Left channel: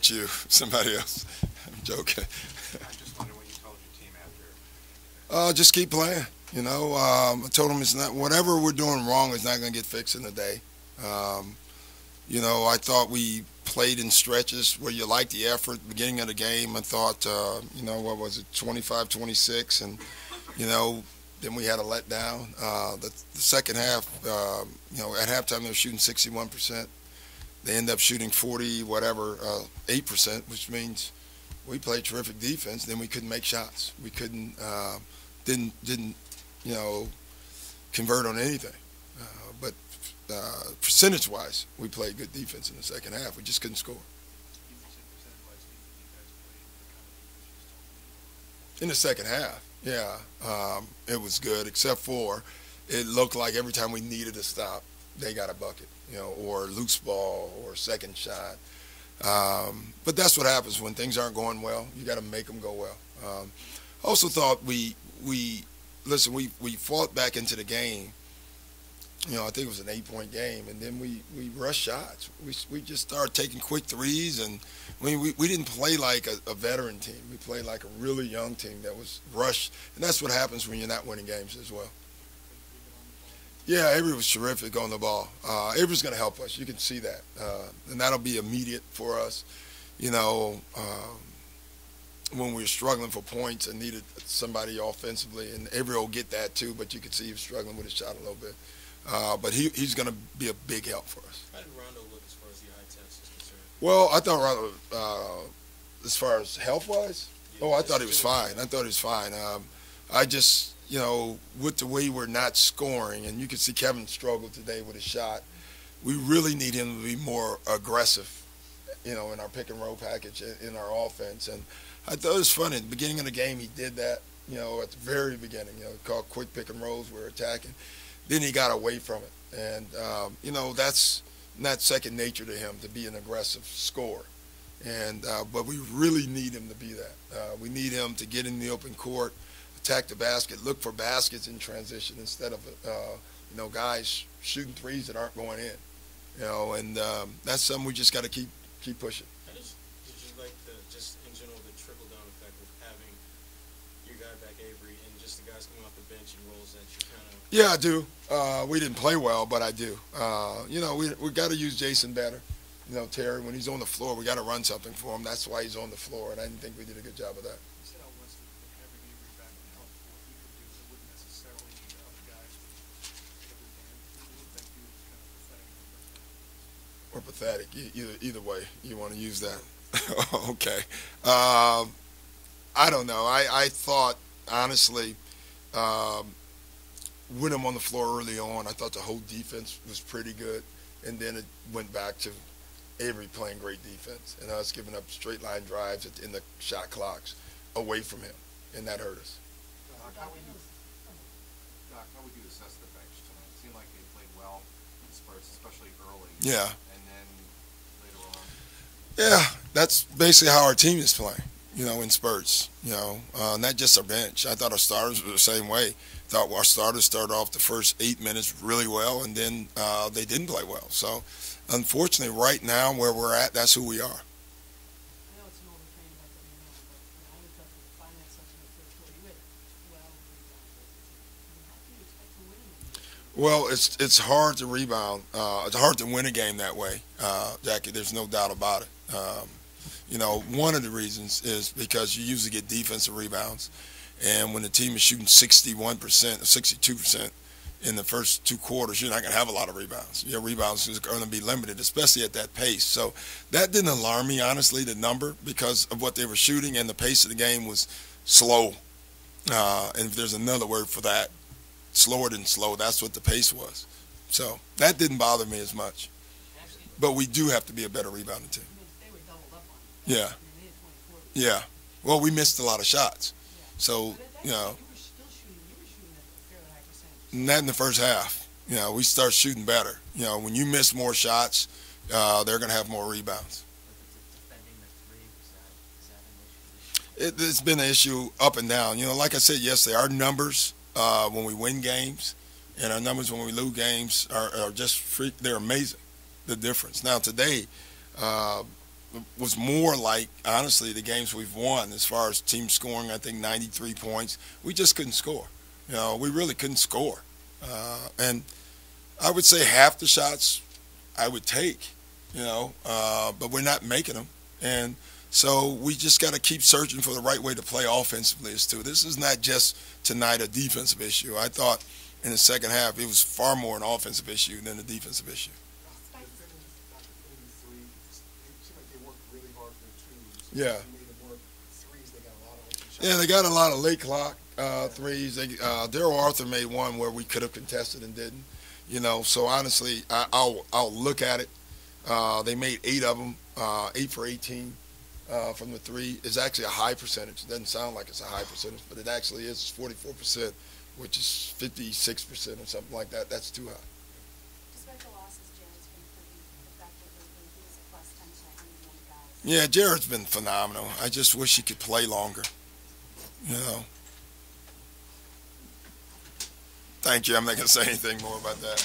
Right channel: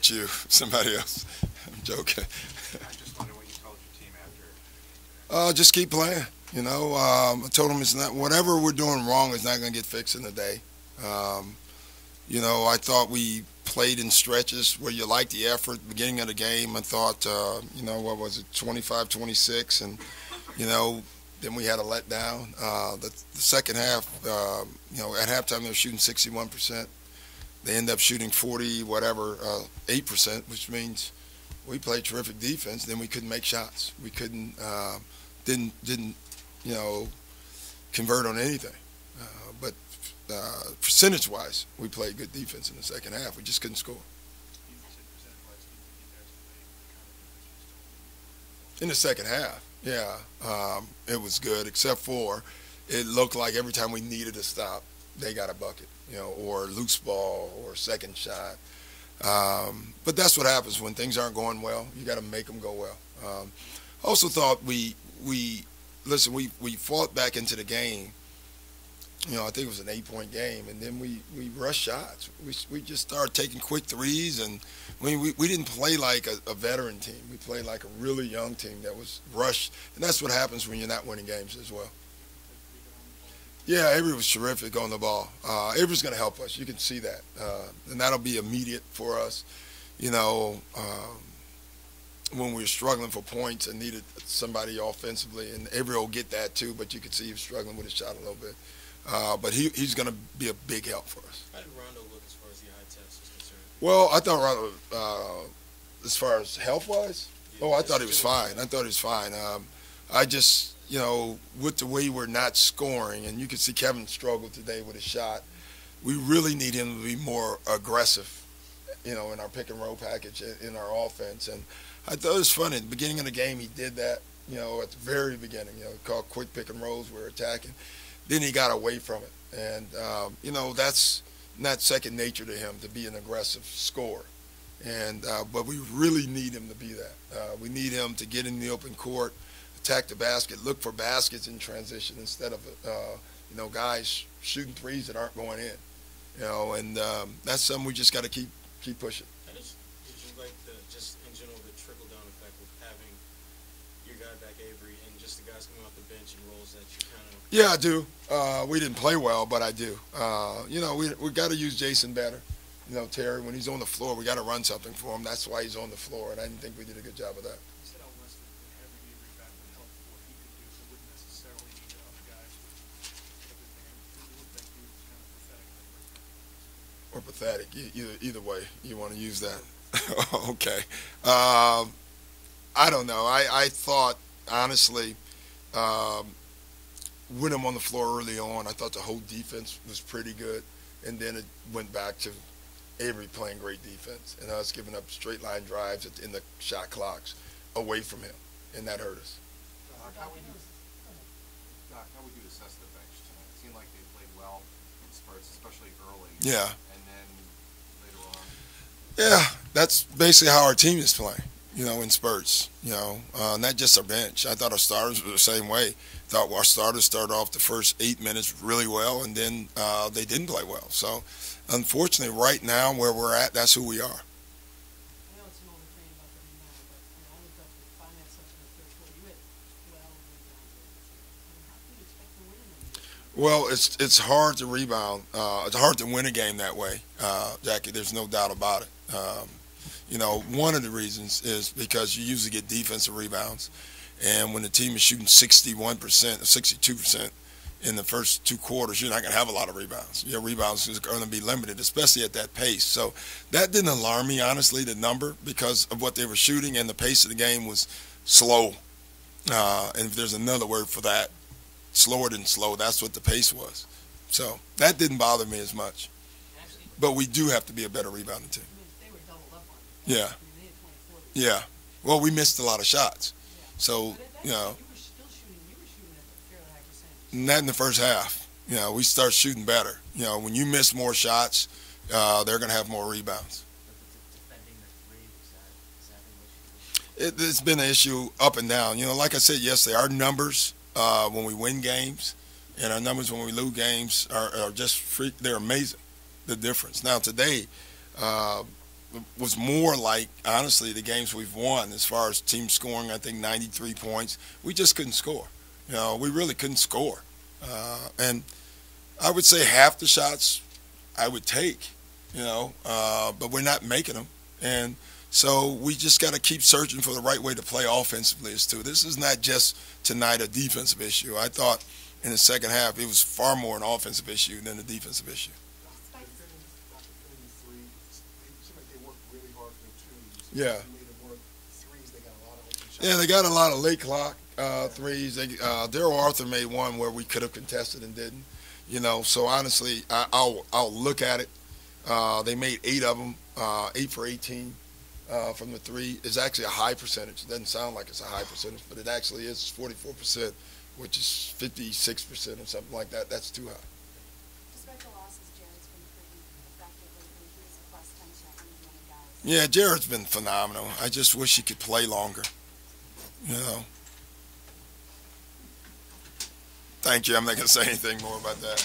Not you, somebody else. I'm joking. I just wonder what you told your team after. Just keep playing. You know, I told them it's not, whatever we're doing wrong is not going to get fixed in a day. You know, I thought we played in stretches where you liked the effort. Beginning of the game, I thought, you know, what was it, 25-26, and you know, then we had a letdown. The second half, you know, at halftime they were shooting 61%. They end up shooting 8%, which means we played terrific defense. Then we couldn't make shots. We couldn't, didn't, you know, convert on anything. But percentage-wise, we played good defense in the second half. We just couldn't score. In the second half, yeah, it was good, except for it looked like every time we needed a stop, they got a bucket, you know, or a loose ball or a second shot. But that's what happens when things aren't going well. You got to make them go well. Also thought we fought back into the game. You know, I think it was an 8-point game, and then we rushed shots. We just started taking quick threes, and we didn't play like a veteran team. We played like a really young team that was rushed, and that's what happens when you're not winning games as well. Yeah, Avery was terrific on the ball. Avery's going to help us. You can see that, and that'll be immediate for us. You know, when we were struggling for points and needed somebody offensively, and Avery will get that too, but you could see he was struggling with his shot a little bit. But he's going to be a big help for us. How did Rondo look as far as the eye test is concerned? Well, I thought Rondo, as far as health-wise, I thought he was fine. I thought he was fine. I just, you know, with the way we're not scoring, and you can see Kevin struggle today with his shot, we really need him to be more aggressive, you know, in our pick-and-roll package in our offense. And I thought it was funny. At the beginning of the game, he did that, you know, at the very beginning, you know, called quick pick-and-rolls. We were attacking. Then he got away from it. And, you know, that's not second nature to him to be an aggressive scorer. And but we really need him to be that. We need him to get in the open court, attack the basket, look for baskets in transition instead of, you know, guys shooting threes that aren't going in. You know, and that's something we just got to keep pushing. Did you like just in general the trickle-down effect of having your guy back Avery and just the guys coming off the bench and roles that you kind of... Yeah, I do. We didn't play well, but I do. You know, we got to use Jason better. You know, Terry, when he's on the floor, we got to run something for him. That's why he's on the floor, and I didn't think we did a good job of that. Or pathetic. Either way, you want to use that. Okay. I don't know. I thought, honestly, with him on the floor early on, I thought the whole defense was pretty good, and then it went back to Avery playing great defense and us giving up straight line drives in the shot clocks away from him, and that hurt us. How would you assess the bench? It seemed like they played well in spurts, especially early. Yeah. And then later on. Yeah, that's basically how our team is playing, you know, in spurts, you know, not just our bench. I thought our starters were the same way. Thought our starters started off the first 8 minutes really well, and then they didn't play well. So, unfortunately, right now where we're at, that's who we are. Well, it's hard to rebound. It's hard to win a game that way, Jackie. There's no doubt about it. You know, one of the reasons is because you usually get defensive rebounds. And when the team is shooting 61%, 62% in the first 2 quarters, you're not going to have a lot of rebounds. Your rebounds are going to be limited, especially at that pace. So that didn't alarm me, honestly, the number, because of what they were shooting, and the pace of the game was slow. And if there's another word for that, slower than slow, that's what the pace was. So that didn't bother me as much. But we do have to be a better rebounding team. Yeah. Yeah. Well, we missed a lot of shots. So, you know, not in the first half. You know, we start shooting better. You know, when you miss more shots, they're going to have more rebounds. It's been an issue up and down. You know, like I said yesterday, our numbers when we win games and our numbers when we lose games are just they're amazing, the difference. Now, today, was more like, honestly, the games we've won as far as team scoring. I think 93 points. We just couldn't score. You know, we really couldn't score. And I would say half the shots I would take, you know, but we're not making them. And so we just got to keep searching for the right way to play offensively as too. This is not just tonight a defensive issue. I thought in the second half it was far more an offensive issue than a defensive issue. Yeah. Yeah, they got a lot of late clock threes. Daryl Arthur made one where we could have contested and didn't. You know, so honestly, I'll look at it. They made 8 of them, 8 for 18 from the three. It's actually a high percentage. It doesn't sound like it's a high percentage, but it actually is 44%, which is 56% or something like that. That's too high. Despite the losses, Jared's been pretty effective with his plus 10 seconds on the guys. Yeah, Jared's been phenomenal. I just wish he could play longer. You know. Thank you. I'm not going to say anything more about that.